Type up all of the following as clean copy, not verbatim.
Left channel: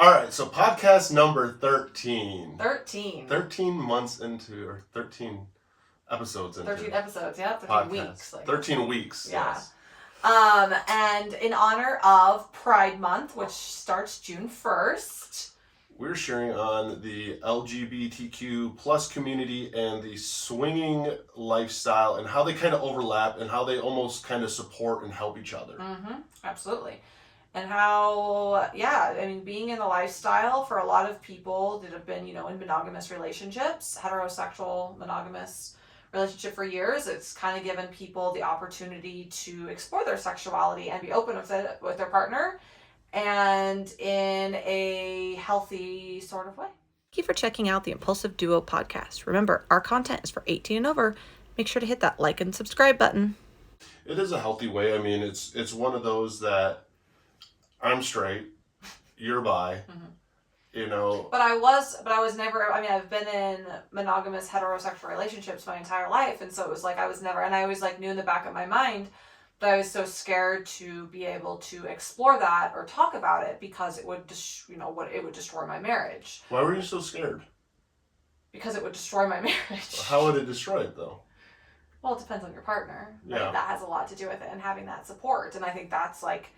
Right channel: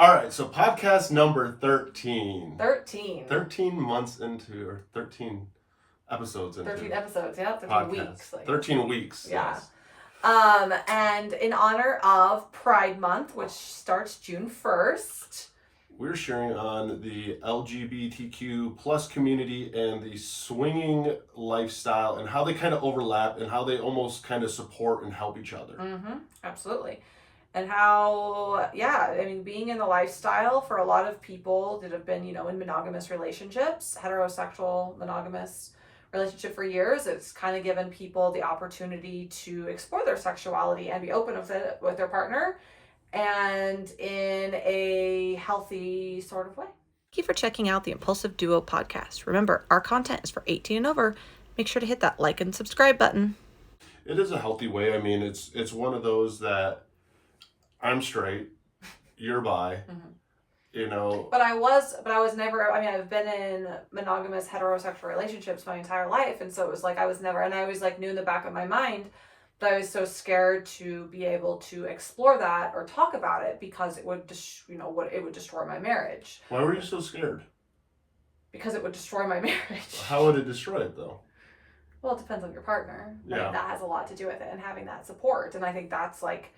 All right, so podcast number 13. 13. 13 months into, or 13 episodes into. 13 episodes, yeah. 13 podcast. weeks. 13 weeks, yeah. yes. And in honor of Pride Month, which starts June 1st. We're sharing on the LGBTQ plus community and the swinging lifestyle and how they kind of overlap and how they almost kind of support and help each other. Mm-hmm. Absolutely. And how, being in the lifestyle for a lot of people that have been, in monogamous relationships, heterosexual, monogamous relationship for years, it's kind of given people the opportunity to explore their sexuality and be open with it with their partner and in a healthy sort of way. Thank you for checking out the Impulsive Duo podcast. Remember, our content is for 18 and over. Make sure to hit that like and subscribe button. It is a healthy way. I mean, it's one of those that I'm straight, you're bi, But I was never, I've been in monogamous heterosexual relationships my entire life. And so it was like, I always like knew in the back of my mind, but I was so scared to be able to explore that or talk about it because it would it would destroy my marriage. Why were you so scared? Because it would destroy my marriage. How would it destroy it though? Well, it depends on your partner. Yeah. That has a lot to do with it and having that support. And I think that's like,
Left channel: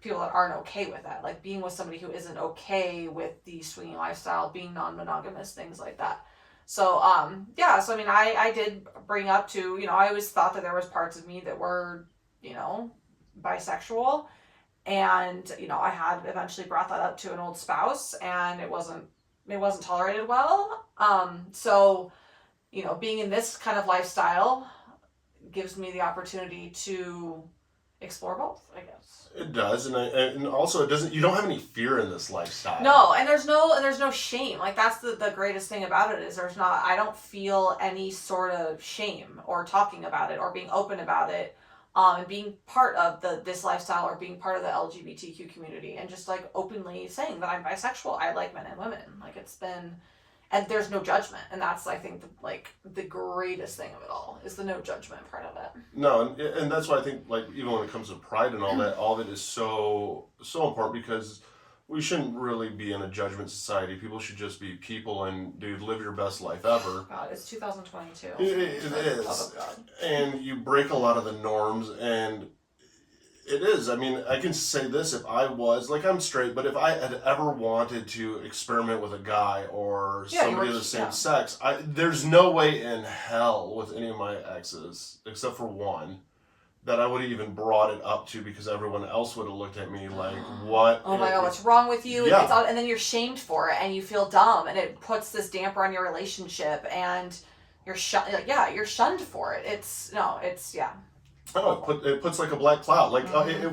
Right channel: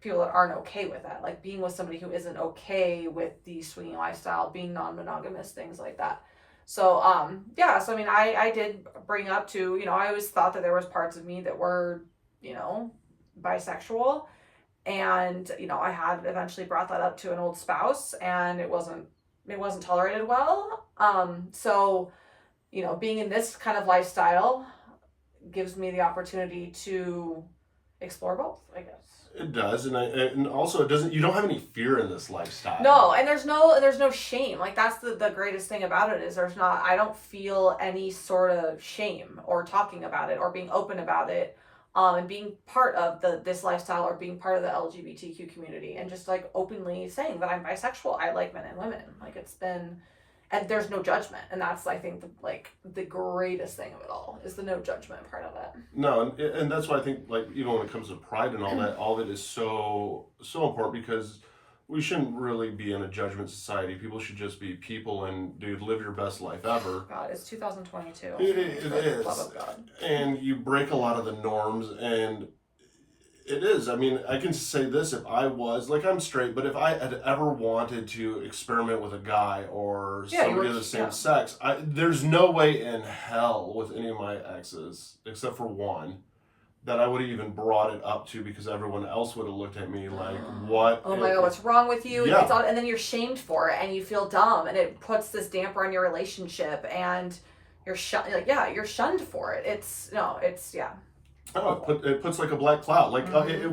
people that aren't okay with that, like being with somebody who isn't okay with the swinging lifestyle, being non-monogamous, things like that. So, I did bring up to, I always thought that there was parts of me that were, bisexual, and, I had eventually brought that up to an old spouse, and it wasn't tolerated well. Being in this kind of lifestyle gives me the opportunity to explore both, I guess. It does, and also it doesn't. You don't have any fear in this lifestyle. No, and there's no shame. Like that's the greatest thing about it is I don't feel any sort of shame or talking about it or being open about it, and being part of this lifestyle or being part of the LGBTQ community and just like openly saying that I'm bisexual. I like men and women. Like it's been. And there's no judgment, and that's I think the greatest thing of it all is the no judgment part of it. No, and that's why I think like even when it comes to pride and all that, all of it is so important because we shouldn't really be in a judgment society. People should just be people and live your best life ever. God, it's 2022. It is, love of God. And you break a lot of the norms and. It is. I mean, I can say this if I was, like I'm straight, but if I had ever wanted to experiment with a guy or somebody of the same sex, there's no way in hell with any of my exes, except for one, that I would have even brought it up to because everyone else would have looked at me like, what? Oh my God, what's wrong with you? Yeah. And then you're shamed for it and you feel dumb and it puts this damper on your relationship and you're you're shunned for it. Oh, it puts like a black cloud. Like it's.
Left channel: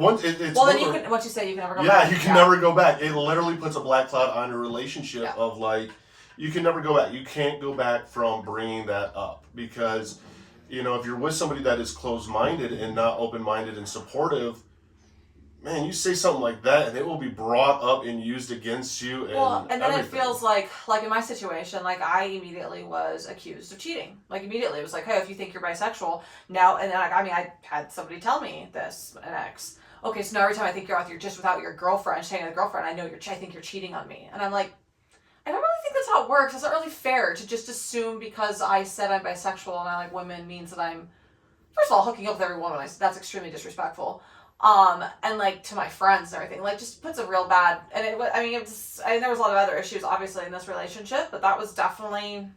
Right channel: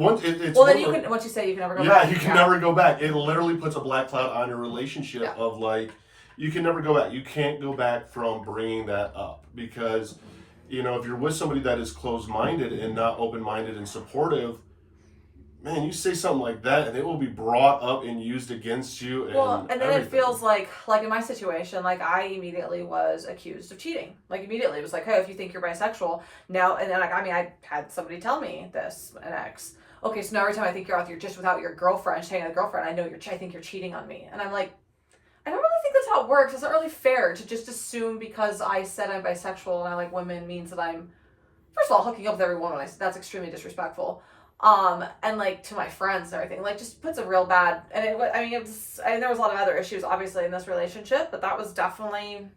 Well, then once you say you can never go back. Yeah, you can never go back. It literally puts a black cloud on your relationship of like, you can never go back. You can't go back from bringing that up because, if you're with somebody that is closed-minded and not open-minded and supportive, man, you say something like that and it will be brought up and used against you. And then it feels like in my situation, like I immediately was accused of cheating. Like immediately it was like, hey, if you think you're bisexual now, and then I had somebody tell me this, an ex. Okay, so now every time I think you're just without your girlfriend, staying with a girlfriend, I think you're cheating on me. And I'm like, I don't really think that's how it works. It's not really fair to just assume because I said I'm bisexual and I like women means that I'm, first of all, hooking up with every woman. That's extremely disrespectful. And like to my friends and everything, like just puts a real bad, and there was a lot of other issues obviously in this relationship, but that was definitely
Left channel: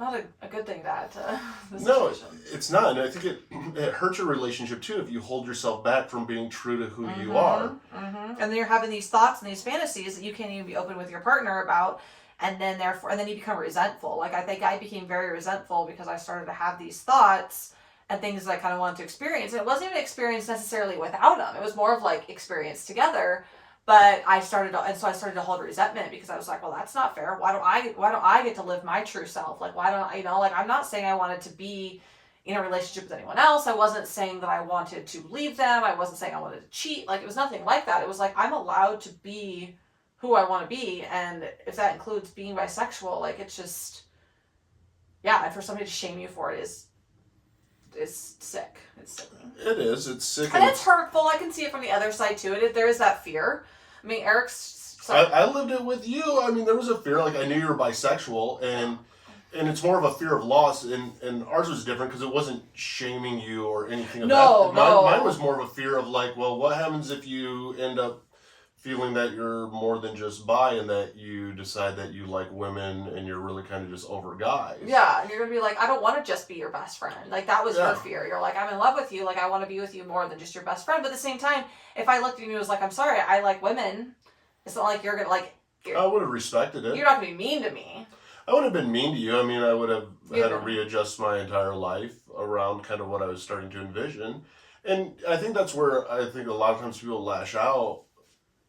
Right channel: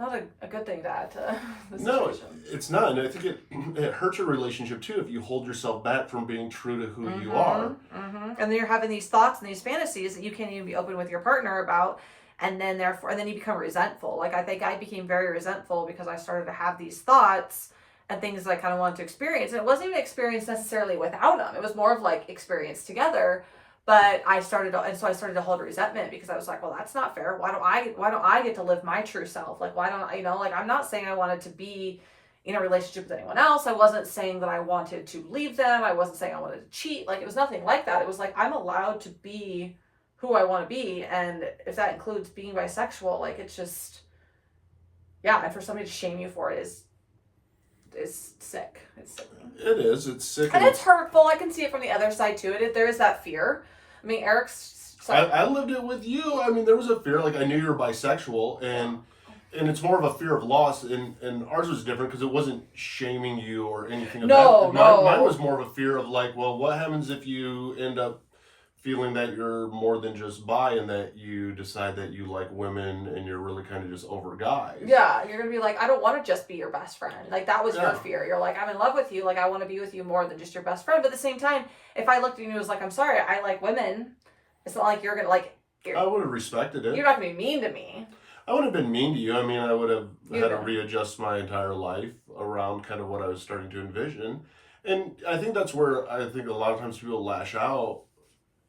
not a good thing to add to the situation. No, it's not. And I think it hurts your relationship too if you hold yourself back from being true to who you are. Mm-hmm. And then you're having these thoughts and these fantasies that you can't even be open with your partner about, and then you become resentful. Like I think I became very resentful because I started to have these thoughts and things that I kind of wanted to experience. And it wasn't even experience necessarily without them. It was more of like experience together. But I started to hold resentment because I was like, well, that's not fair. Why don't I get to live my true self? Like, why don't, I'm not saying I wanted to be in a relationship with anyone else. I wasn't saying that I wanted to leave them. I wasn't saying I wanted to cheat. Like, it was nothing like that. It was like, I'm allowed to be who I want to be. And if that includes being bisexual, like, it's just, and for somebody to shame you for it is sick. It's sick. It is. It's sick. And it's hurtful. I can see it from the other side too. There is that fear. I mean, Eric's. I lived it with you. I mean, there was a fear. Like, I knew you were bisexual, and it's more of a fear of loss. And ours was different because it wasn't shaming you or anything. No, mine was more of a fear of like, well, what happens if you end up feeling that you're more than just bi and that you decide that you like women and you're really kind of just over guys. Yeah, and you're gonna be like, I don't want to just be your best friend. Like, that was your fear. You're like, I'm in love with you. Like, I want to be with you more than just your best friend. But at the same time, if I looked at you and was like, I'm sorry, I like women, it's not like you're gonna like. I would have respected it. You're not gonna be mean to me. I wouldn't have been mean to you. I mean, I would have had to readjust my entire life around kind of what I was starting to envision. And I think that's where I think a lot of times people lash out,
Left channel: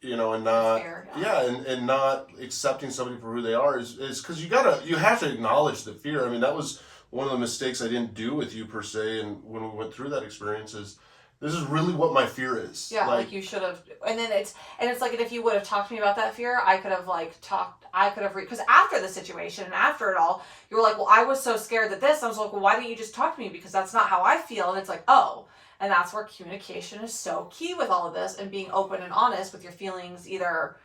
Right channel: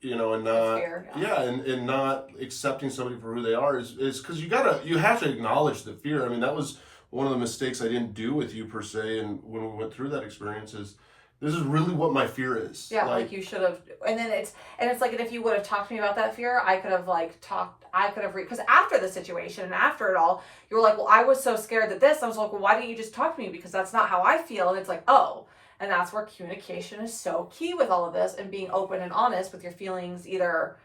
you know, and not, and not accepting somebody for who they are is because you have to acknowledge the fear. I mean, that was one of the mistakes I didn't do with you per se. And when we went through that experience is, this is really what my fear is. Yeah, like you should have, and it's like, and if you would have talked to me about that fear, I could have because after the situation and after it all, you were like, well, I was so scared that this, I was like, well, why didn't you just talk to me? Because that's not how I feel. And it's like, oh, and that's where communication is so key with all of this, and being open and honest with your feelings, either,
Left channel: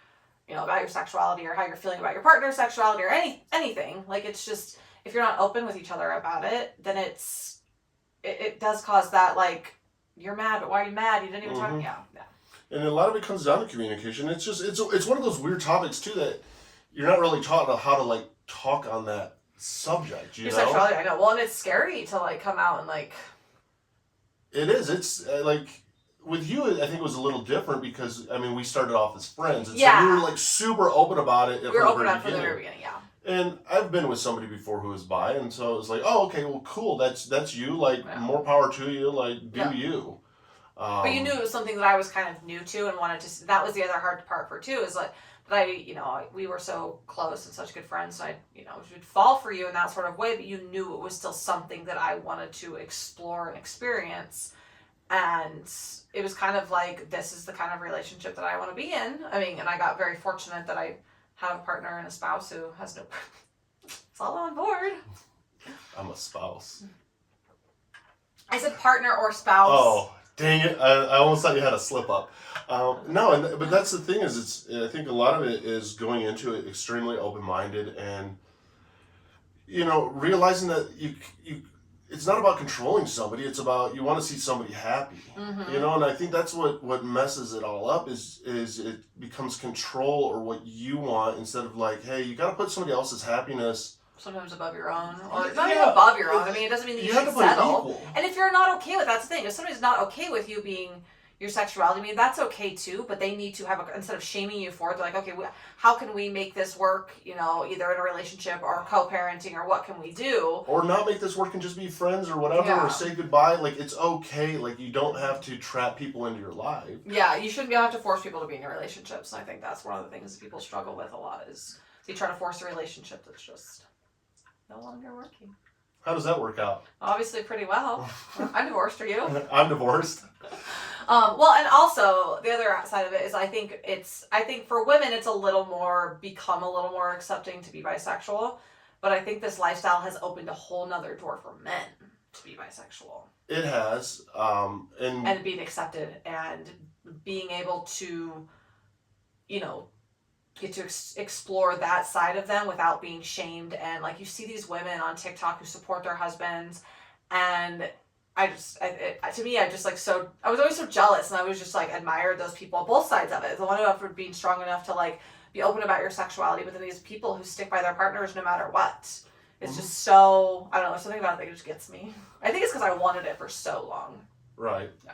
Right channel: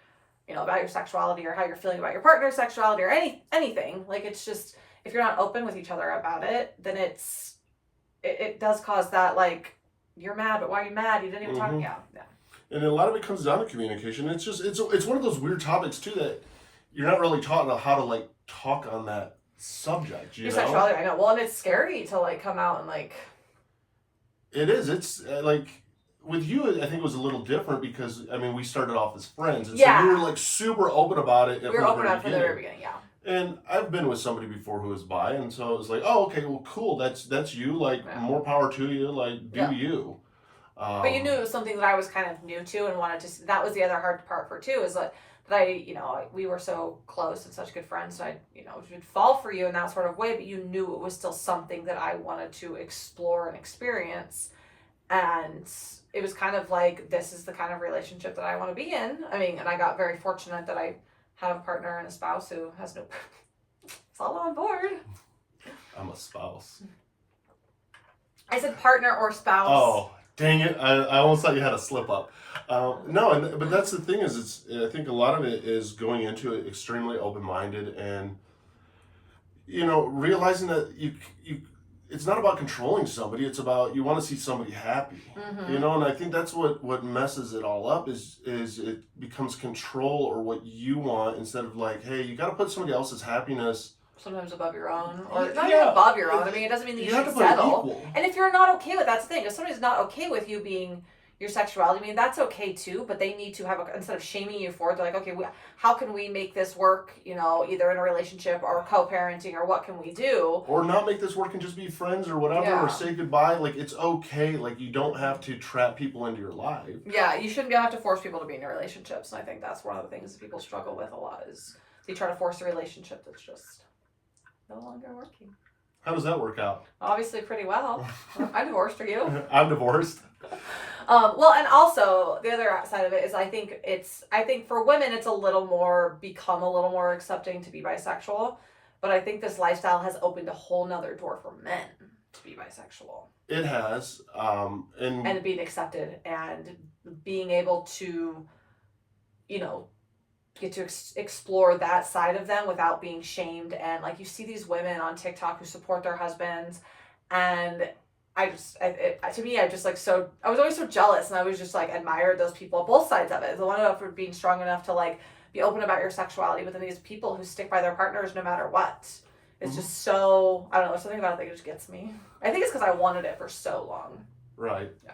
you know, about your sexuality or how you're feeling about your partner's sexuality or anything. Like, it's just, if you're not open with each other about it, then it does cause that, like, you're mad, but why are you mad? You didn't even talk. Yeah. And a lot of it comes down to communication. It's just, it's one of those weird topics too that you're not really taught how to like talk on that subject. Your sexuality, I know. Well, and it's scary to like come out and like. It is. It's like with you. I think it was a little different because I mean we started off as friends, and so we were like super open about it. We were open about it from the very beginning. Yeah. And I've been with somebody before who was bi, and so it was like, oh, okay, well, cool. That's you. Like, more power to you. Like, do you. But you knew it was something that I was kind of new to and wanted to. That was the other hard part for too. Is like that we were so close and such good friends. So I would fall for you in that sort of way. But you knew it was still something that I wanted to explore and experience. And it was kind of like, this is the kind of relationship that I want to be in. I mean, and I got very fortunate that I have a partner and a spouse who has no. It's all on board. I'm a spouse. I said partner or spouse. Oh, dang it! I almost thought you had a slip up. No, but that's the thing is, I think a lot of it is going into it extremely open minded and, realizing that you it's not about controlling somebody. It's about you want to see somebody happy, and I think that's what messes it all up is it becomes control or what you want instead of like, hey, you got to put somebody else's happiness sometimes above your own, or not even above your own. I mean, it doesn't mean that you should settle. And if you're not okay with that's the thing. If somebody's not okay with you being your sexuality, I mean, that's okay too, but they need to have instead of shaming you for it, they're like, okay, how can we make this work, either in a relationship or co-parenting, or what can we do? Or not make this work and just be friends or whatever, or say goodbye. Like, it's okay. Like, you don't have to trap people into your life. Yeah, you shouldn't have to force people to be in your relationships. And I think that's one of the things that people struggle with a lot is they try to force a relationship that's just no longer working. How does that work out? Obviously pretty well. I'm divorced. Are you? I'm divorced. Well, and also the other side of it is I think for women it's become a little more accepting to be bisexual, but I think this lifestyle has opened a whole nother door for men to be bisexual. It has, and being accepted and being able to, get to explore that side of them without being shamed. And like you see these women on TikTok who support their husbands, and I was always so jealous, and I was just like admired those people, both sides of it. The one for being strong enough to like be open about your sexuality, but then these people who stick by their partners no matter what. It's just so, I don't know, something about it that just gets me. I think it's because I wanted it for so long. Right. Yeah.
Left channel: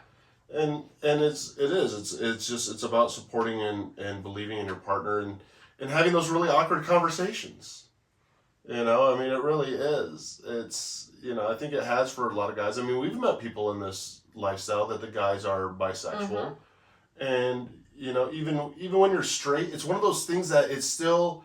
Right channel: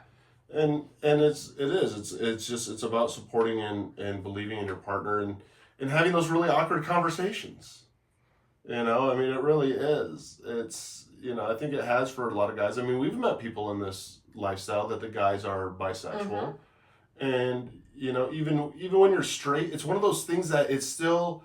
And it's about supporting and believing in your partner and having those really awkward conversations. I mean, it really is. It's, I think it has for a lot of guys. I mean, we've met people in this lifestyle that the guys are bisexual. And, even when you're straight, it's one of those things that it's still,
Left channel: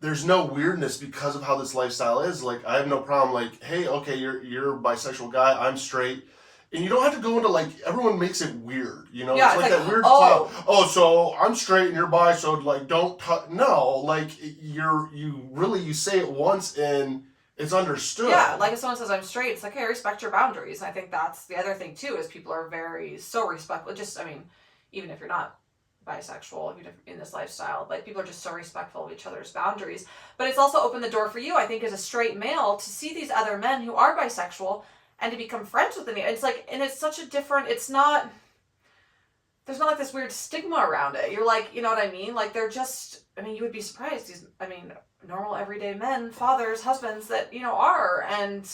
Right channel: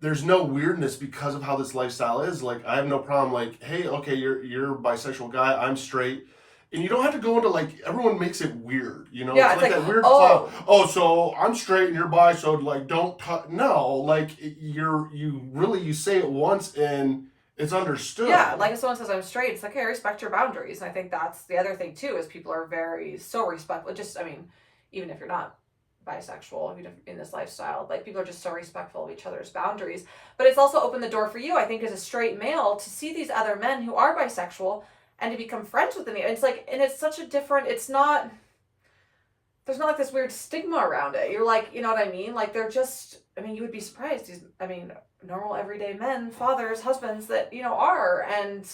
there's no weirdness because of how this lifestyle is. Like, I have no problem. Like, hey, okay, you're a bisexual guy. I'm straight. And you don't have to go into like, everyone makes it weird, Yeah, it's like that weird cloud. Oh, so I'm straight and you're bi, so like don't no, like you say it once and it's understood. Yeah, like if someone says I'm straight, it's like, hey, I respect your boundaries. And I think that's the other thing too, is people are so respectful. Just, I mean, even if you're not bisexual, if you're in this lifestyle. Like, people are just so respectful of each other's boundaries. But it's also opened the door for you, I think, as a straight male, to see these other men who are bisexual and to become friends with them. And it's like, and it's such a different, it's not, there's not like this weird stigma around it. You're like, you know what I mean? Like, they're just, I mean, you would be surprised. These, I mean, normal everyday men, fathers, husbands that, you know, are, and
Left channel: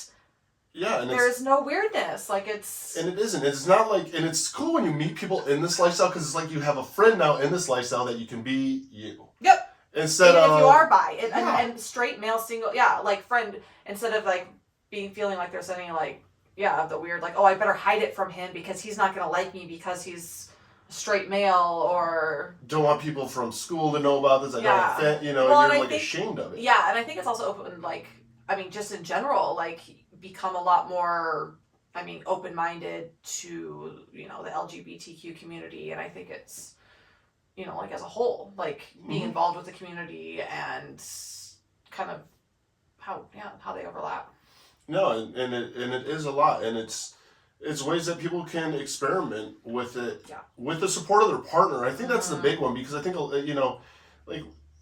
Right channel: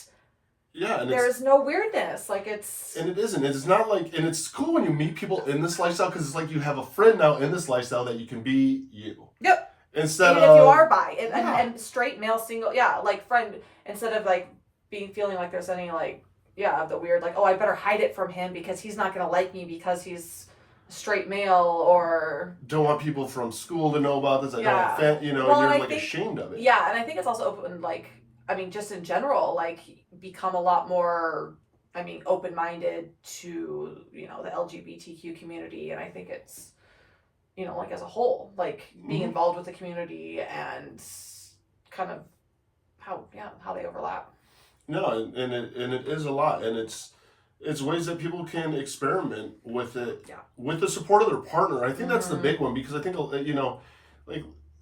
yeah, and there's no weirdness. Like, it's, and it isn't. It's not like, and it's cool when you meet people in this lifestyle, because it's like you have a friend now in this lifestyle that you can be you. yep. Instead Even of, if you are bi yeah. and straight male single, yeah, like friend, instead of like feeling like there's any like, yeah, the weird, like, oh, I better hide it from him because he's not gonna like me because he's a straight male, or don't want people from school to know about this. I yeah. don't want, you know, Well, you're and like ashamed of it. Yeah, and I think it's also open, like, I mean, just in general, like, become a lot more, I mean, open-minded to, you know, the LGBTQ community, and I think it's, you know, like, as a whole, like, being involved with the community and kind of how they overlap. No, and it is a lot, and it's ways that people can experiment with it, with the support of their partner. I think that's the big one, because I think, you know,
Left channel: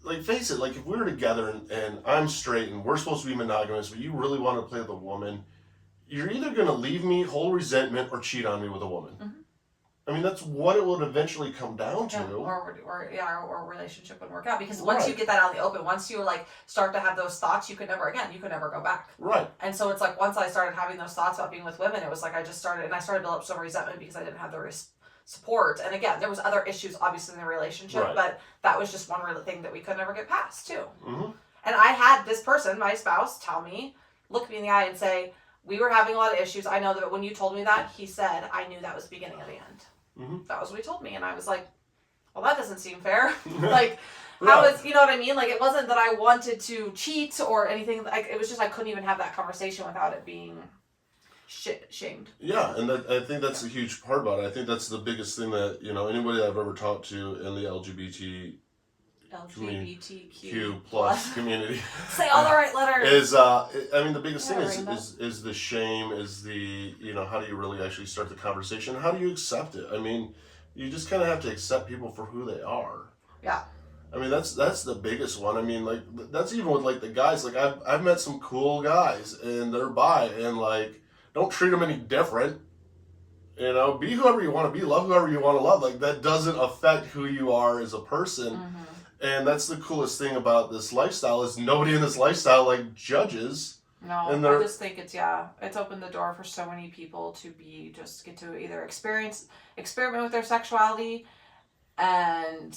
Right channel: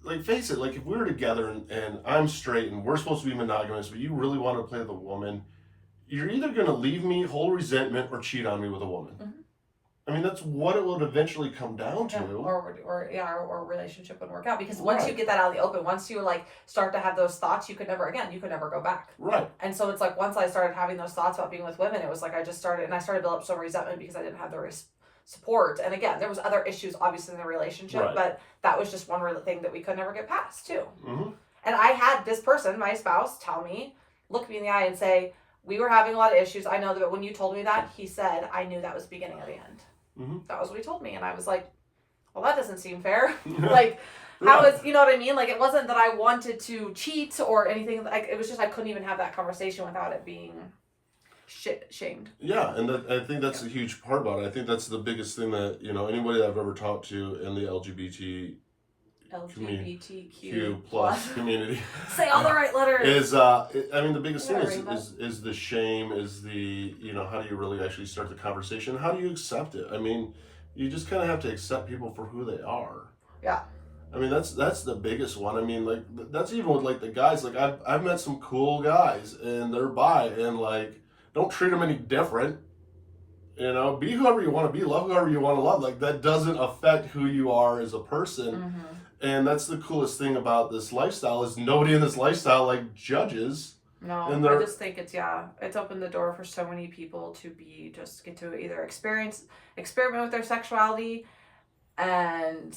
like face it, like if we were together and I'm straight and we're supposed to be monogamous, but you really want to play with a woman, you're either gonna leave me, hold resentment, or cheat on me with a woman. I mean, that's what it would eventually come down to. Or relationship wouldn't work out, because once you get that out in the open, once you like start to have those thoughts, you could never go back. Right. And so it's like, once I started having those thoughts about being with women, it was like I started to build up some resentment because I didn't have the support. And again, there was other issues obviously in the relationship, but that was just one real thing that we could never get past too. And I had this person, my spouse, tell me, look me in the eye and say, we were having a lot of issues. I know that when you told me that, he said, I knew that was the beginning of the end. That was what he told me. And I was like, well, that doesn't seem fair. Like, how was, you know what I mean? Like, it wasn't that I wanted to cheat or anything. Like, it was just I couldn't even have that conversation without it being shamed. Yeah, and I think that's a huge part about it. I think that's the biggest thing that, you know, anybody that I've ever talked to in the LGBTQ plus community say all the right letters is I mean, the biggest thing is the shame, is the, you know, how do you really actually start the conversation, how do you accept it? I mean, you just kind of have to accept people for who they are. Yeah, I mean, that's the biggest one. I mean, like, that's even with like the guys. Like, I've met some cool guys and they're bi, and like, don't treat them any different. You know, be whoever you want to be, love whoever you want to love. Like, that doesn't affect who you are as a person. And that's the coolest thing about this lifestyle, is nobody in this lifestyle like judges. No, I just think it's opened the door for so many people to get to either experiment with their sexuality, and,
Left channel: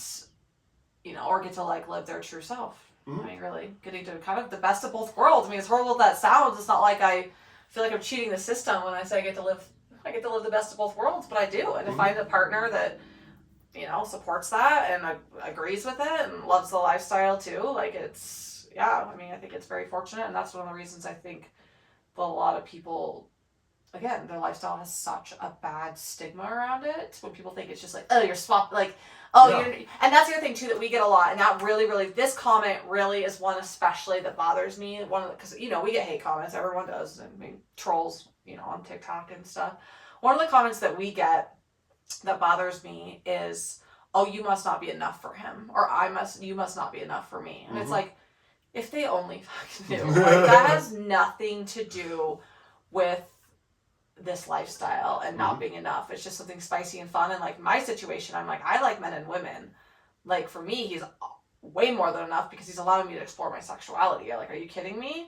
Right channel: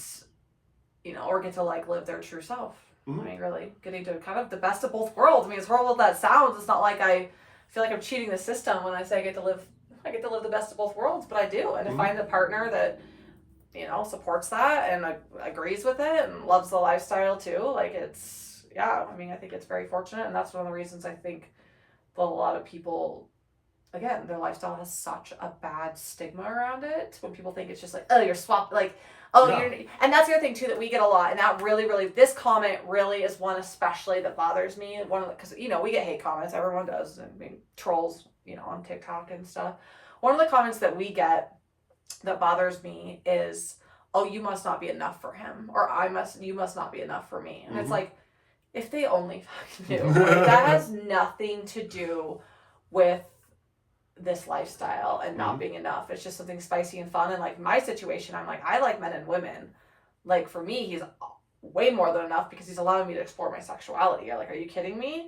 you know, or get to like live their true self. I mean, really getting to kind of the best of both worlds. I mean, as horrible as that sounds, it's not like I feel like I'm cheating the system when I say I get to live the best of both worlds, but I do. And to find a partner that, you know, supports that and agrees with it and loves the lifestyle too. Like, it's, I mean, I think it's very fortunate. And that's one of the reasons I think that a lot of people, again, their lifestyle has such a bad stigma around it. When people think it's just like, oh, you're swapped, like, oh, you're, and that's the other thing too that we get a lot. And that really, really, this comment really is one especially that bothers me. Because, you know, we get hate comments, everyone does. I mean, trolls, you know, on TikTok and stuff. One of the comments that we get that bothers me is, oh, you must not be enough for him, or you must not be enough for me. And it's like, if they only fucking knew. Like, that has nothing to do with this lifestyle and not being enough. It's just something spicy and fun. And like, my situation, I'm like, I like men and women. Like, for me, he's way more than enough because he's allowing me to explore my sexuality. Like, are you kidding me?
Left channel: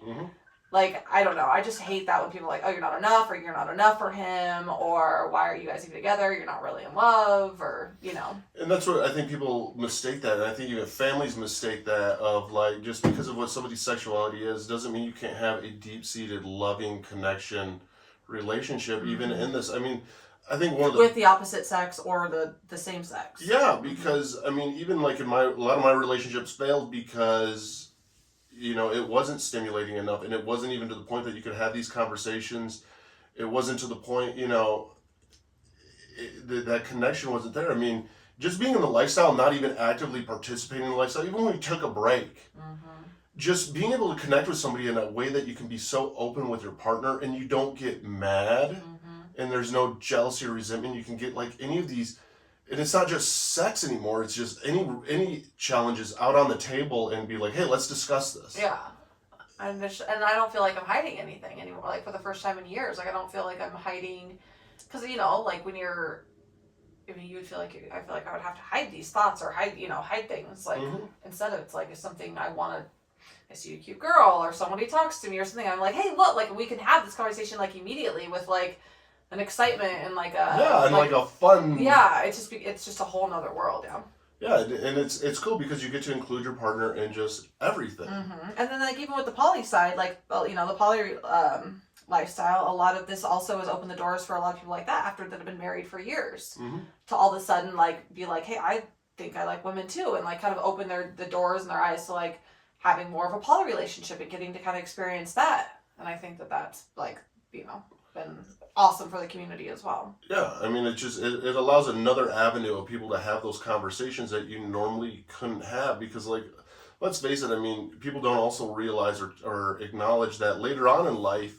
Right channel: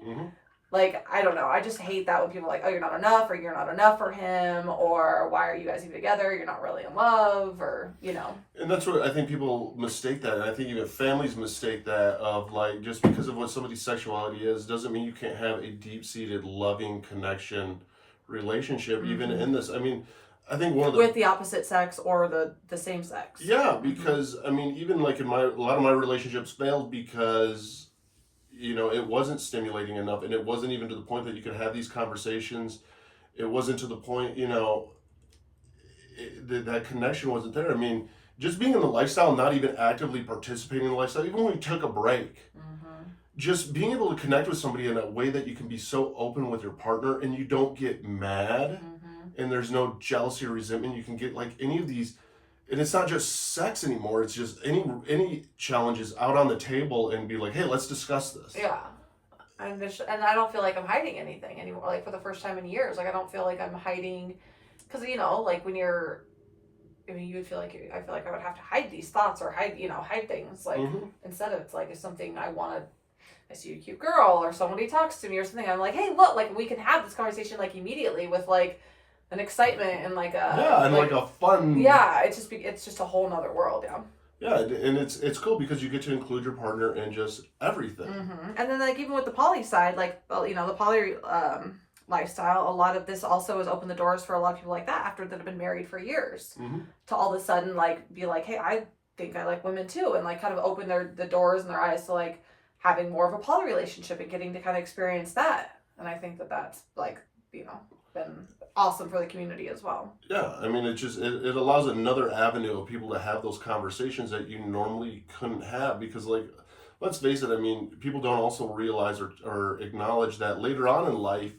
Like, I don't know. I just hate that when people are like, oh, you're not enough, or you're not enough for him, or why are you guys even together? You're not really in love, or, you know. And that's what I think people mistake that. And I think even families mistake that, of like, just because of what somebody's sexuality is, doesn't mean you can't have a deep-seated, loving connection relationship, even in this. I mean, I think one of the... with the opposite sex or the same sex. Yeah, because, I mean, even like in a lot of my relationships failed because, you know, it wasn't stimulating enough, and it wasn't even to the point that you could have these conversations. It wasn't to the point, you know, that connection wasn't there. I mean, just being in the lifestyle, not even actively participating in the lifestyle, even when we took a break, just being able to connect with somebody in a way that you can be so open with your partner and you don't get mad, and there's no jealousy or resentment. You can get like any of these and it's not just sex anymore. It's just any challenges out on the table and be like, hey, let's discuss this. Yeah. And I don't feel like I'm hiding anything anymore. Like for the first time in years, like I don't feel like I'm hiding, because like when you're, I mean, you would feel like I feel like I would have to hide these thoughts or hide things. Like instead of it's like if something I see a cute girl or somebody talks to me or something, I'm like, hey, look, like we can have this conversation like immediately with like an excitement and like a like a fun. Yeah, it's just a whole nother world. Yeah. Yeah, and it's cool because you get to include your partner in just everything. And then like even with the poly side, like the poly lifestyle, a lot of this also has opened the doors for a lot of people like that after that have been married for years to all of a sudden like be like, hey, I think I like women too, and like kind of open the doors and their eyes to like having more of a poly relationship and getting to kind of experience that. And I think that's like been awesome for the community as well. Yeah, I mean, it allows another avenue of people to have those conversations that you normally couldn't have, because like, let's face it, I mean, people don't also realize or acknowledge that later on in life,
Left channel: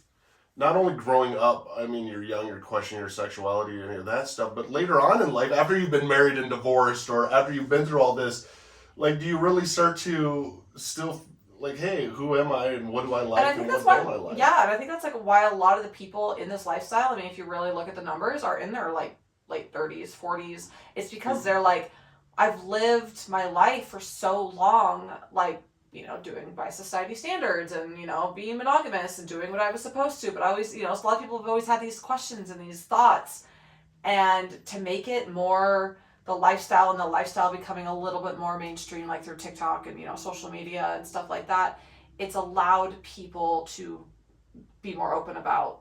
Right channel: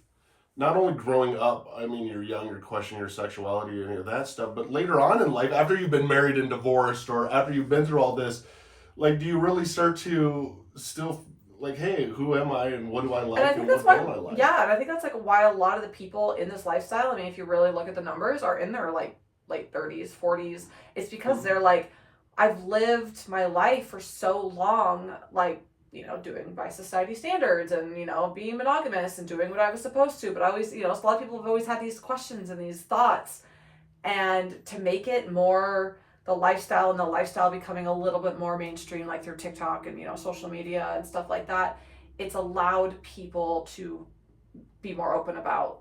not only growing up, I mean, you're young, you're questioning your sexuality and any of that stuff, but later on in life, after you've been married and divorced, or after you've been through all this, like, do you really start to still like, hey, who am I and what do I like and what don't I like? Yeah, and I think that's like why a lot of the people in this lifestyle, I mean, if you really look at the numbers, are in their like late 30s, 40s. It's because they're like, I've lived my life for so long, like, doing by society standards and, being monogamous and doing what I was supposed to. But I always, a lot of people have always had these questions and these thoughts. And to make it more the lifestyle and the lifestyle becoming a little bit more mainstream, like through TikTok and, social media and stuff like that, it's allowed people to be more open about,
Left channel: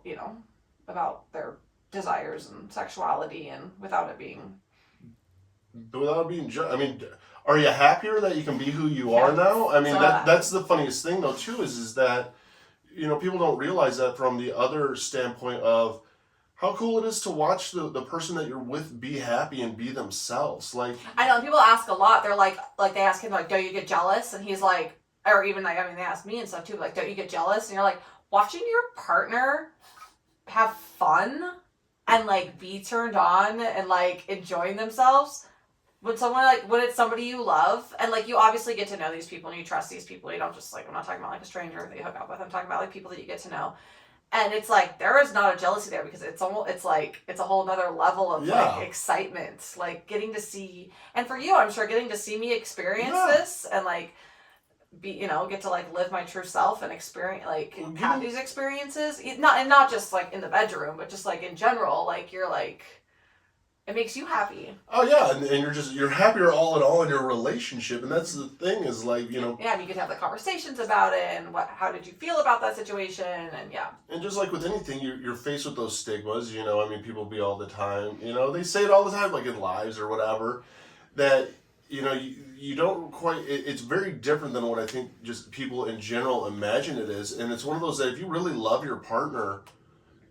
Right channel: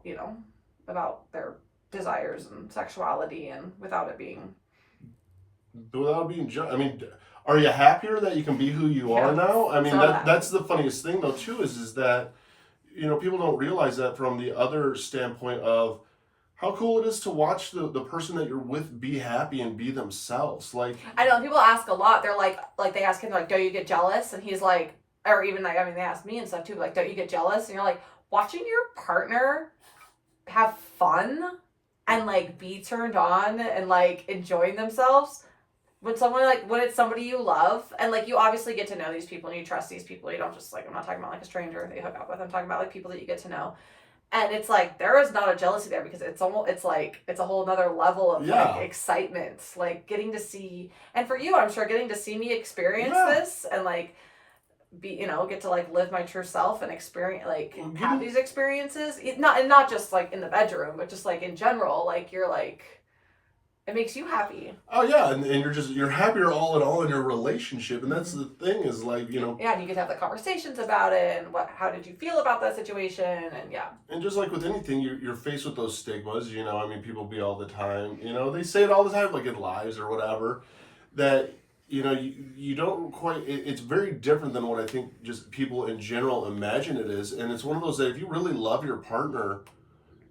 about their desires and sexuality and without being, I mean, are you happier that you can be who you are now? I mean, that's the funniest thing though too, is that, people don't realize that from the other standpoint of how cool it is to watch the person that you're with be happy and be themselves. Like, I know people ask a lot. They're like they ask him like, don't you get jealous? And he's like, or even like, I mean, they ask me and stuff too, like, don't you get jealous? And you're like, watching your partner have fun and like be turned on and like enjoying themselves when it's somebody you love, and like you obviously get to know these people and you trust these people. You don't just like, I'm not talking about like a stranger that you hook up with. I'm talking about like people that you get to know. And it's like, there is not a jealousy there because it's a whole nother level of like excitement, like getting to see, and for you, I'm sure getting to see me experience this and like be, get to like live my true self and experience, like have these experiences, not just like in the bedroom, but just like in general, like you're like, it makes you happy. Oh yeah, and you're happier all in all in your relationship, and that's the thing is like, Yeah, and you get to have the conversations about it, and how did you feel about that situation, and yeah. And just like with anything, you're faced with those stigmas, I mean, people be all the time, they say it all the time, like in lives or whatever, that, you don't quite, it's very different than what I think just people in general imagine it is, and it's one of those that if you really love your partner,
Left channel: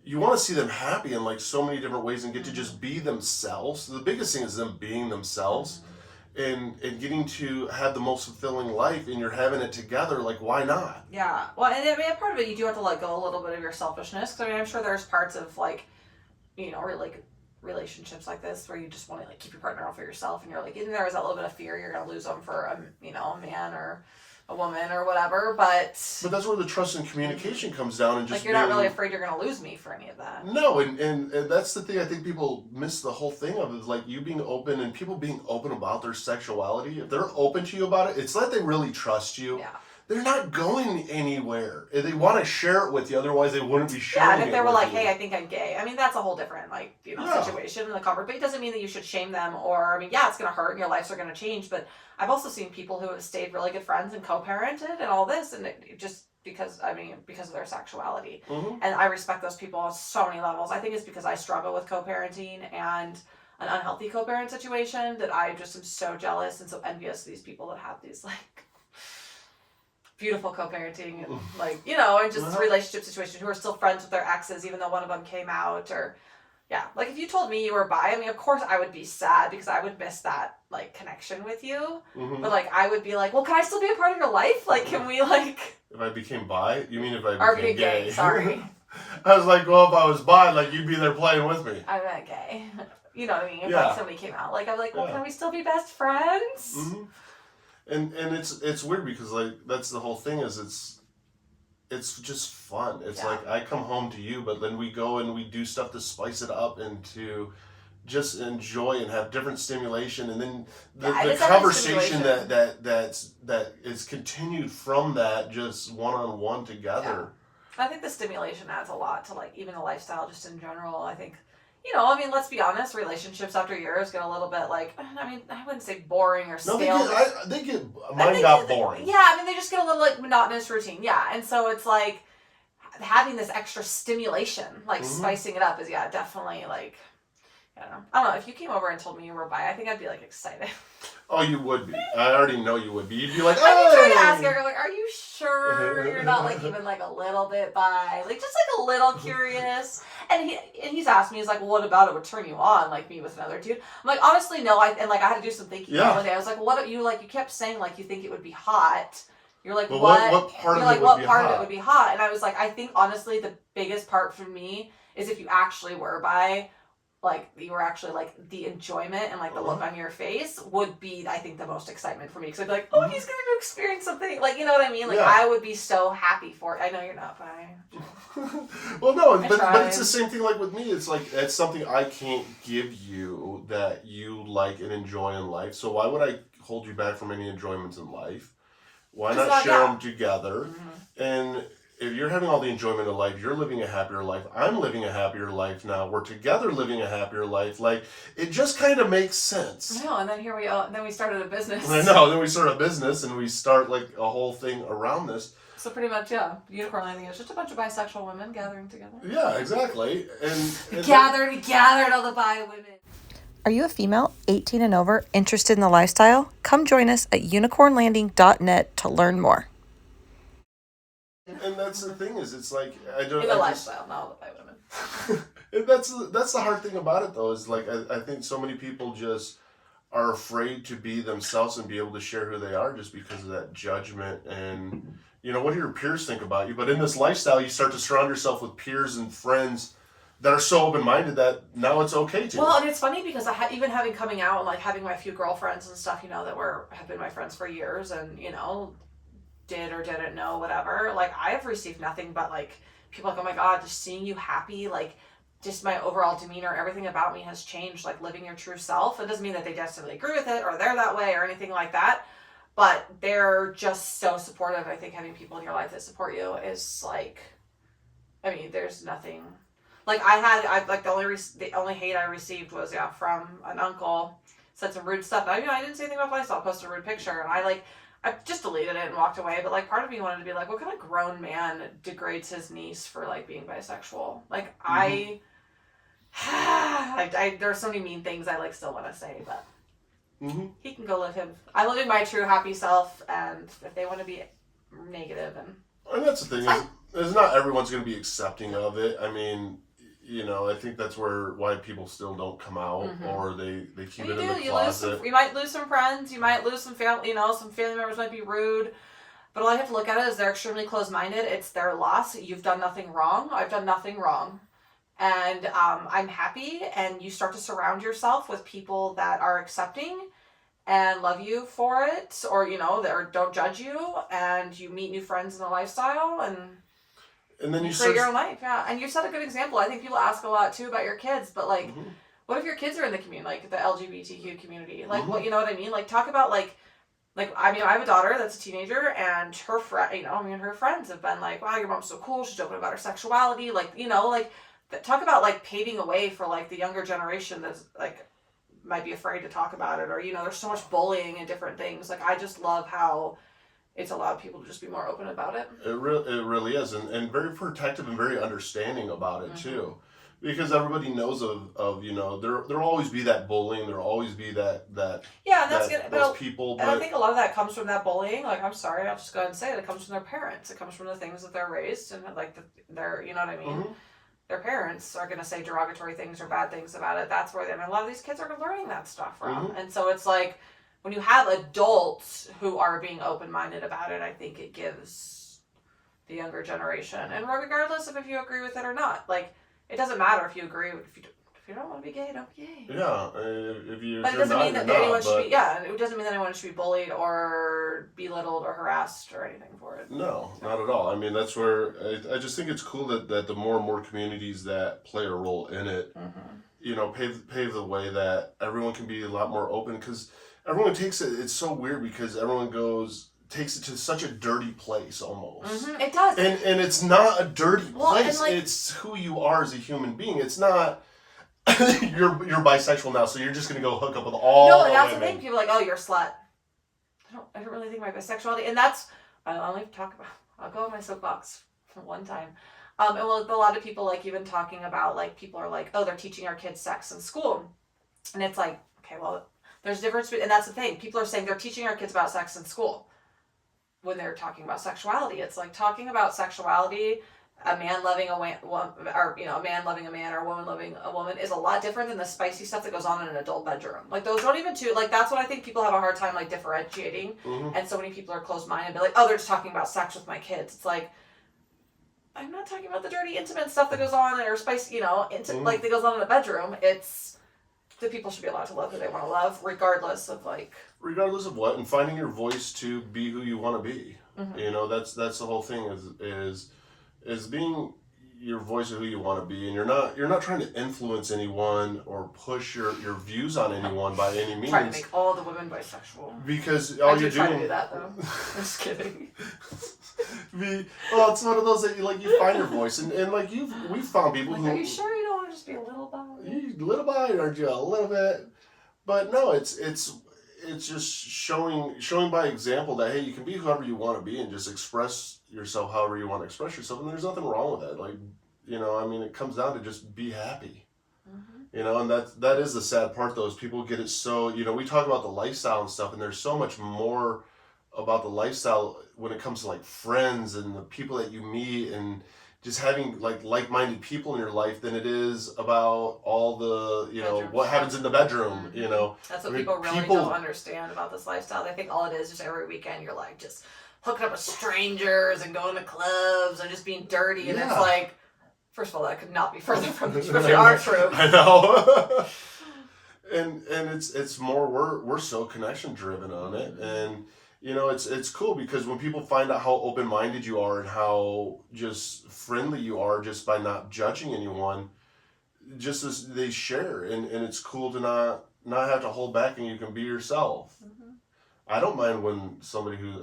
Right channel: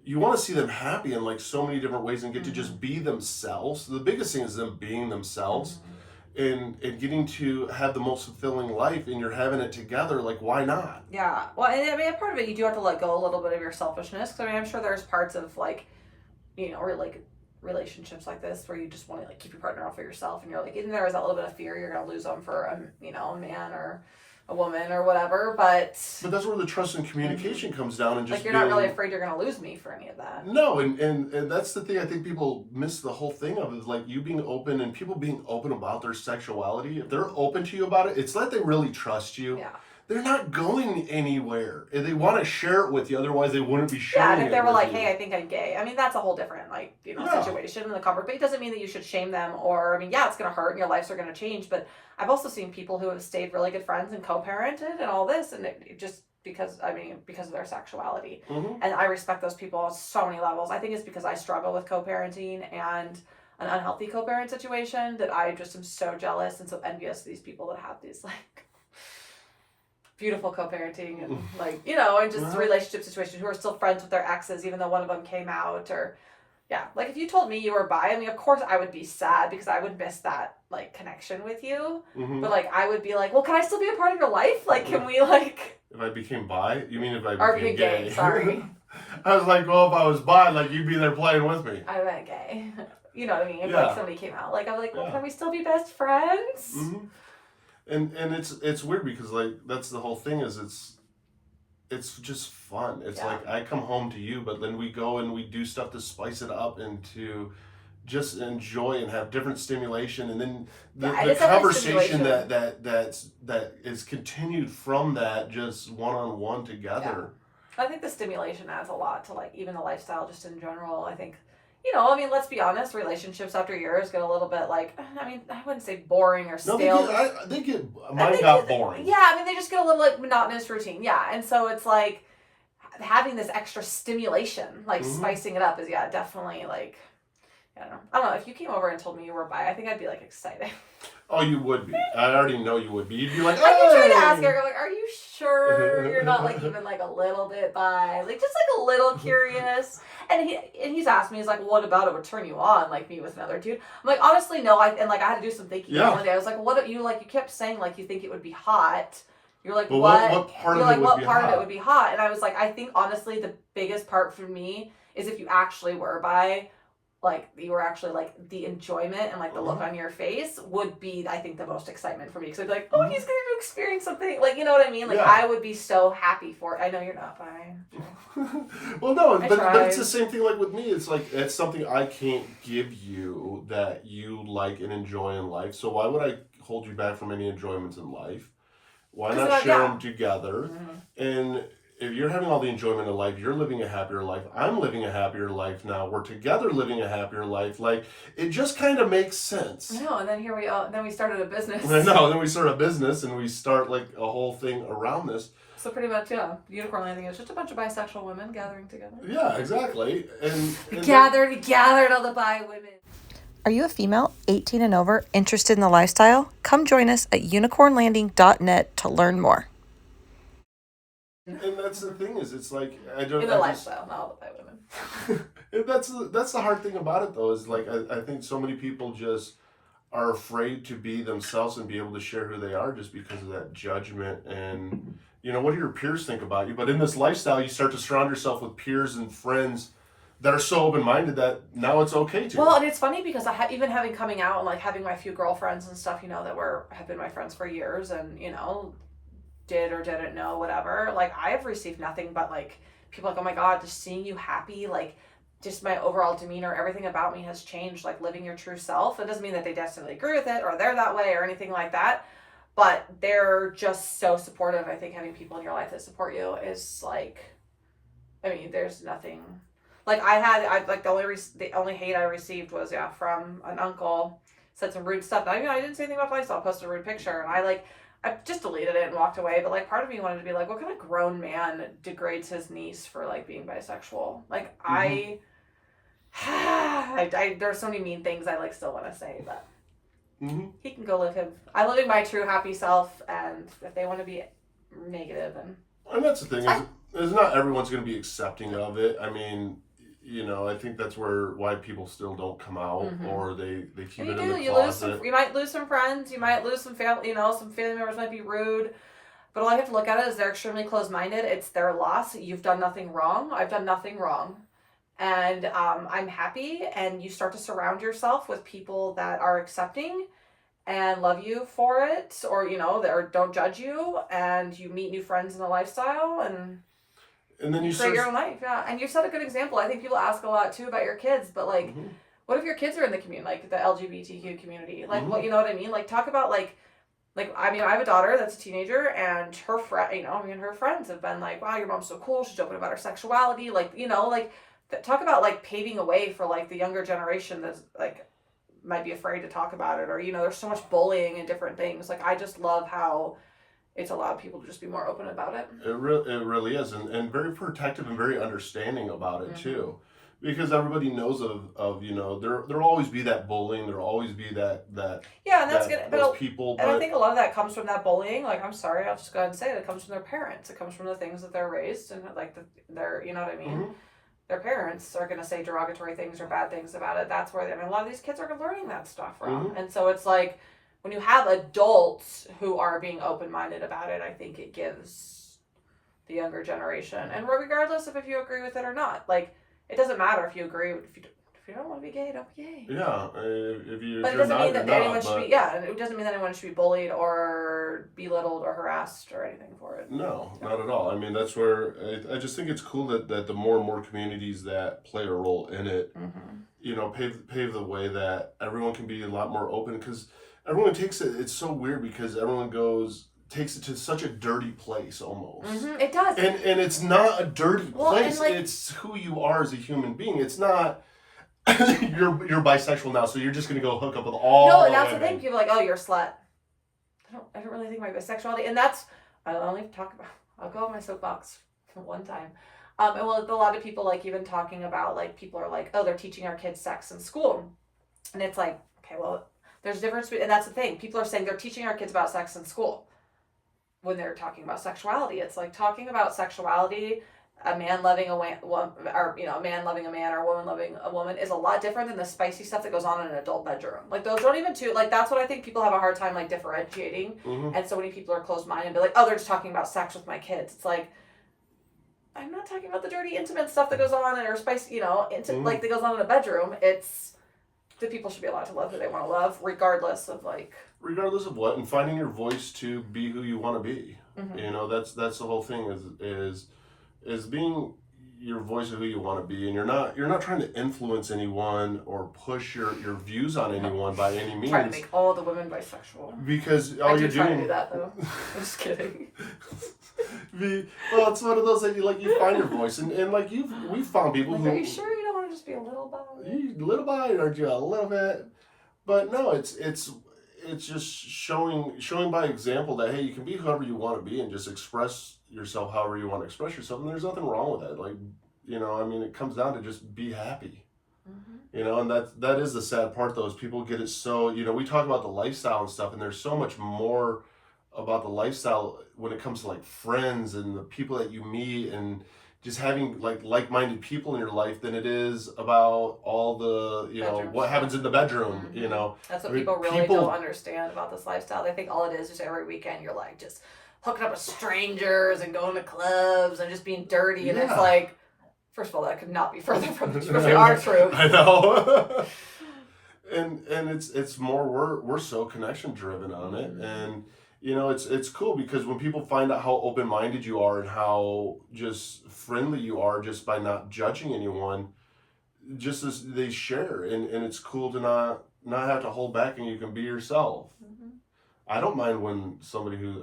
you want to see them happy in like so many different ways and get to just be themselves. The biggest thing is them being themselves and getting to have the most fulfilling life, and you're having it together. Like, why not? Yeah. Well, and I mean, part of it, you do have to let go a little bit of your selfishness. Because I mean, I'm sure there's parts of like, or like relationships like this where you just want to like keep your partner out for yourself, and you're like, even there is that little bit of fear you're going to lose them for a man or a woman or whatever, but that's where the trust and communication comes down, and just like you're not really afraid you're going to lose me for any of that. No, and that's the thing I think people miss the whole thing of, is like you being open and people being open about their sexuality. If they're open to you about it, it's like they really trust you. Yeah. They're not going anywhere. If they want to share it with you, otherwise they wouldn't be sharing it. Yeah, and if they were like, you. hey, I think I'm gay. I mean, that's a whole different situation in the comfort. But it doesn't mean that you should shame them, or I mean, yeah, it's gonna hurt and your lives are gonna change. But I've also seen people who have stayed really good friends and co-parented and all this, and it just because of their sexuality. And I respect those people on so many levels. I think it's because I struggle with co-parenting and an unhealthy co-parent situation that I just am so jealous and so envious of these people that have these like beautiful co-parenting and like, and just relationship situations who are still friends with their exes even though one of them came out, or like if you told me you were bi, I mean, of course I would be sad because I would miss that like connection with you. But like I would be like, well, can I still be a part of your life? Like, can we like... If I became bi? You mean if I became gay? Sorry. I was like, well, if I was bi, like you'd be there playing with me. I meant gay. You know what I mean? If Yeah. like somebody came out, like I'm like, well, Yeah. can we still be best friends? Mm-hmm. And it's weird because like that's the whole thing is it's just fun. It's like I come home to you, but then we go and we do stuff to spice it up and to just enjoy and have different stimulation, and then the conversation that is continued from that just one-on-one together. I think the stimulation adds a lot to like even the lifestyle just in general. I think, you know, I mean, let's be honest, relationships after years get a little bit like, I mean, I wouldn't say boring or stale. Mine got boring. Yeah, I mean, they just get a little like monotonous routine. Yeah, and so it's like having this extra stimulation, like spicing it up is definitely like. I don't know. If you came over and told me you were bi, I think I'd be like excited. Oh, you would be. I already know you would be. You'd be like, I'd be trying to ask her, like, are you sure you're not like even like a little bit bi? Like just like a little curious. And he's asked me, he's like, well, what about it would turn you on, like me with another dude? I'm like, honestly, no. I had to do some thinking the other day. I was like, what you like? You kept saying like you think it would be hot. You're like, well, what part You're of like, it what would part be of it would be hot? And I was like, I think honestly, the biggest part for me is if you actually were bi. Like you were actually like the enjoyment and like the look on your face would be, I think, the most excitement for me because I'd be like, oh, he's gonna experience something, like, you know what I mean? Like I would be so happy for it. I know you're not bi. Well, no, but it's the same thing. Like with me, it's like that's something I can't give you that you like and enjoy in life. So why would I hold you back from any enjoyments in life? Why not share them together? And if you're having all the enjoyment of life, you're living a happier life. I'm living a happier life now. We're together living a happier life. Like, it just kind of makes sense. No, and then here we are. Then we started a business. No, then we start a business and we start like a whole thing around this. So pretty much, Unicorn Landing is just a bunch of bisexual women gathering together. Yeah, exactly. And gathered all the bi women. Are you a female, 18 and over, interested in the lifestyle? Come join us at unicornlanding.net to learn more. And that's the thing is, it's like lifestyle, not all the bi women. And that's the hard thing about it though is like I think so many people just are afraid to be themselves and be able to share who they are just because of that judgment and what do your peers think about you? But in this lifestyle, you start to surround yourself with peers and friends that are so open-minded that now it's okay to. Well, and it's funny because even having coming out and like having my few girlfriends and stuff, that have been my friends for years and did or didn't know whatever, like I have received nothing but like people like, oh my god, just seeing you happy, like just my overall demeanor, everything about me has changed, like living your true self. It doesn't mean that they necessarily agree with it or they're that way or anything like that, but they're just so supportive. I think having people in your life that support you is like, I mean, there's nothing like the only hate I received was from an uncle, said some rude stuff. I mean, I didn't say anything about lifestyle, posted a rude picture, and I just deleted it and walked away. But like part of me wanted to be like, what kind of grown man degrades his niece for like being bisexual? Like I there's so many mean things I like still want to say, but he can go live him. I'm living my true happy self, and if they want to be negative and that's the thing is not everyone's going to be accepting of it. I mean, I think that's why people still don't come out or they keep it in the closet. You might lose some friends. You might lose some family. Some family members might be rude. But all I have to look at it is they're extremely closed-minded. It's their loss. You've done nothing wrong. I've done nothing wrong. And I'm happy. And you start to surround yourself with people that are accepting and love you for it. Or, that don't judge you. And you meet new friends in the lifestyle. And then you create your own life, and you set a good example. I think people ask a lot too about your kids, but like, what if your kids are in the community, like the LGBTQ community? Like, what what I mean? Like, talk about like I mean, I have a daughter that's a teenager, and her her friends have been like, wow, your mom's so cool. She's open about her sexuality. Like, talk about like paving a way for like the younger generation that's like might be afraid to talk about it, or there's so much bullying and different things. Like, I just love how it's allowed people to just be more open about it. It really is, and very protective and very understanding about it too, because everybody knows of there'll always be that bullying, there'll always be that and that's good. Those people, and I think a lot of that comes from that bullying. Like, I'm sorry, I'll just go ahead and say it. It comes from their parents. It comes from the things that they're raised and like their you know what I mean. Their parents are going to say derogatory things or bad things about it. That's where a lot of these kids are learning that stuff from, and so it's like. When you have adults who are being open-minded about it, I think it gives the younger generation, and regardless of if you agree with it or not, like, it doesn't matter if you agree, if if you don't want to be gay, don't be gay. Yeah, if you. But it doesn't mean that anyone should be. Yeah, it doesn't mean that anyone should be bullied or belittled or harassed or anything for it. No, not at all. I mean, that's where I just think it's cool that the more and more communities that play a role in it, pave the way that everyone can be a lot more open, because everyone takes it. It's so weird because everyone takes it to such a dirty place almost. It does. And it's not a dirty place. It's who you are as a human being. It's not you're bisexual now, so you're just gonna go hook up with all. No, and that's the thing. People are like, oh, you're a slut. I don't really think about bisexuality, and that's I'll only talk about. I'll go on my soapbox for one time. And well, a lot of people like even talking about like people are like, oh, they're teaching our kids sex in school, and it's like, okay, well, there's a difference, and that's the thing. People are saying they're teaching our kids about sex in school. When they're talking about sexuality, it's like talking about sexuality, a man loving a man loving a man or a woman loving a woman is a lot different than the spicy stuff that goes on in an adult bedroom. Like those don't even like that's what I think people have a hard time like differentiating. And so many people are closed-minded and be like, oh, they're just talking about sex with my kids. It's like, I'm not talking about the dirty intimate stuff that goes on or spicy, like that goes on in a bedroom. It's that people should be allowed to love who they want to love, regardless of what, and finding your voice to be who you want to be. That's the whole thing is being your voice of who you want to be, and you're not trying to influence anyone or push your views on anyone by any means. Trying to make all the women bisexual. Because all you're doing. I do do that though. I'm just kidding. Well, it's one of those that you find your voice, and like we've found people who. Are you sure you don't want to just be a little bi? Little bi, aren't you? A little bit, but no, it's just showing by example that hey, you can be whoever you want to be and just express yourself however you want to express yourself, and there's nothing wrong with that. Like, I mean, it comes down to just be happy. And that is the sad part though, is people get it so, we talk about the lifestyle and stuff, and there's so much more about the lifestyle when it comes to like friends and the people that you meet and just having like-minded people in your life than it is about all the what happens in the bedroom. That's what people really don't understand about this lifestyle. They think all it is just every weekend you're like just hooking up with strangers and going to clubs and just being dirty, and it's like, first of all, that could not be further from our truth. I know. and it's more we're so connection driven on it, and it's cool because when people find out how open-minded you are and how just friendly you are just by not judging anyone, just as they share, and it's cool to not have to hold back and you can be yourself. I don't mind when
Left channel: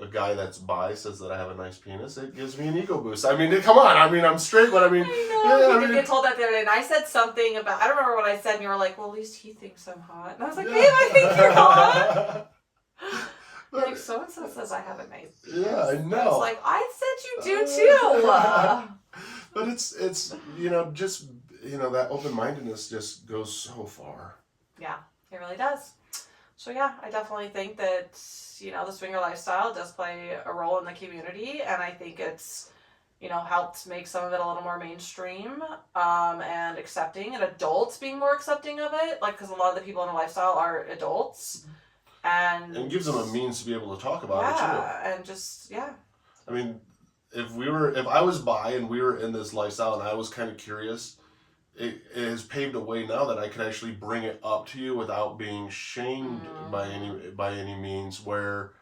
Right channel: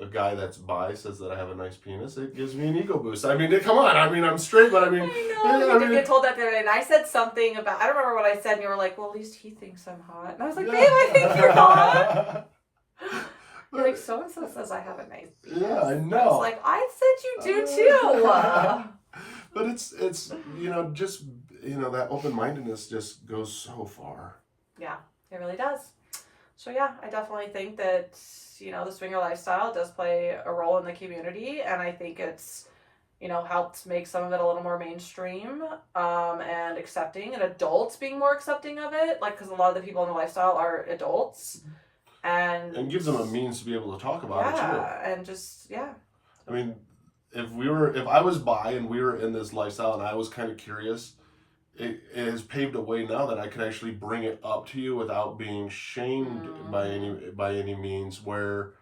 a guy that's bi says that I have a nice penis. It gives me an ego boost. I mean, come on. I mean, I'm straight, but I mean... I know, get told that the other day, and I said something about... I don't remember what I said, and you were like, well, at least he thinks I'm hot. And I was like, babe, I think you're hot. You're like, so-and-so says I have a nice penis. Yeah, I know. I was like, I said you do too. But it's just, that open-mindedness just goes so far. Yeah, it really does. So yeah, I definitely think that, the swinger lifestyle does play a role in the community, and I think it's, helped make some of it a little more mainstream, and accepting, and adults being more accepting of it, because a lot of the people in the lifestyle are adults, and gives them a means to be able to talk about it too. Yeah, and just, I mean, if I was bi and we were in this lifestyle and I was kind of curious, it has paved a way now that I can actually bring it up to you without being shamed by any means. Where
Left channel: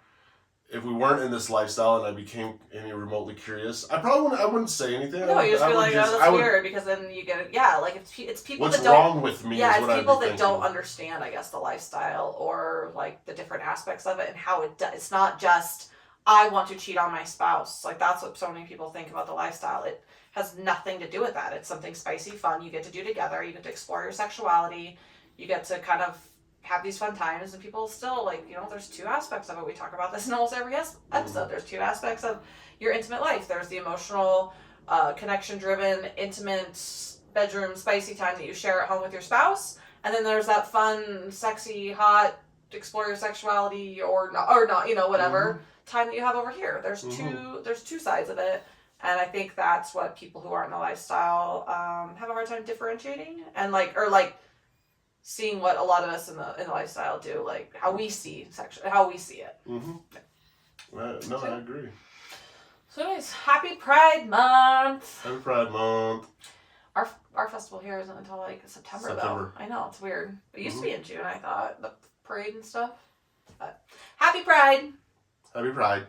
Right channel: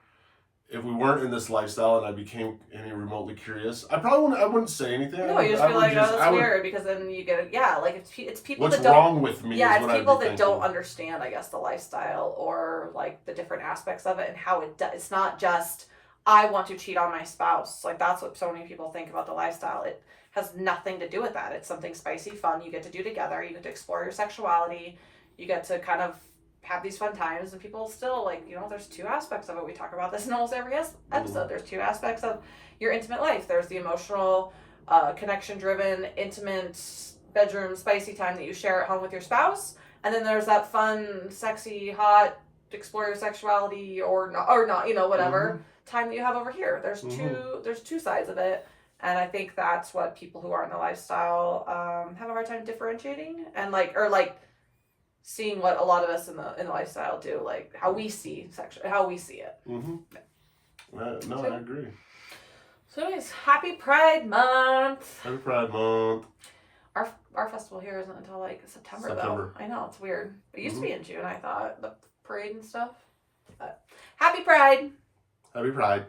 if we weren't in this lifestyle and I became any remotely curious, I wouldn't say anything. No, you just be like, oh, that's weird, because then you get it. Yeah, like it's people. What's that don't, wrong with me? Yeah, is it's what people I'd be that don't understand, I guess, the lifestyle or like the different aspects of it and how it does. It's not just I want to cheat on my spouse. Like that's what so many people think about the lifestyle. It has nothing to do with that. It's something spicy, fun. You get to do together. You get to explore your sexuality. You get to kind of have these fun times, and people still there's two aspects of it. We talk about this in almost every episode. There's two aspects of your intimate life. There's the emotional, connection-driven, intimate, bedroom, spicy time that you share at home with your spouse, and then there's that fun, sexy, hot, explore your sexuality or not, whatever time that you have over here. There's two sides of it. And I think that's what people who are in the lifestyle have a hard time differentiating and seeing what a lot of us in the lifestyle do, like how we see how we see it. I agree. So anyways, happy Pride Month. Happy Pride Month. Our festival here isn't until like September. Though. I know, it's weird. It used to be in June, I thought, the parade and stuff. But happy Pride! Happy Pride.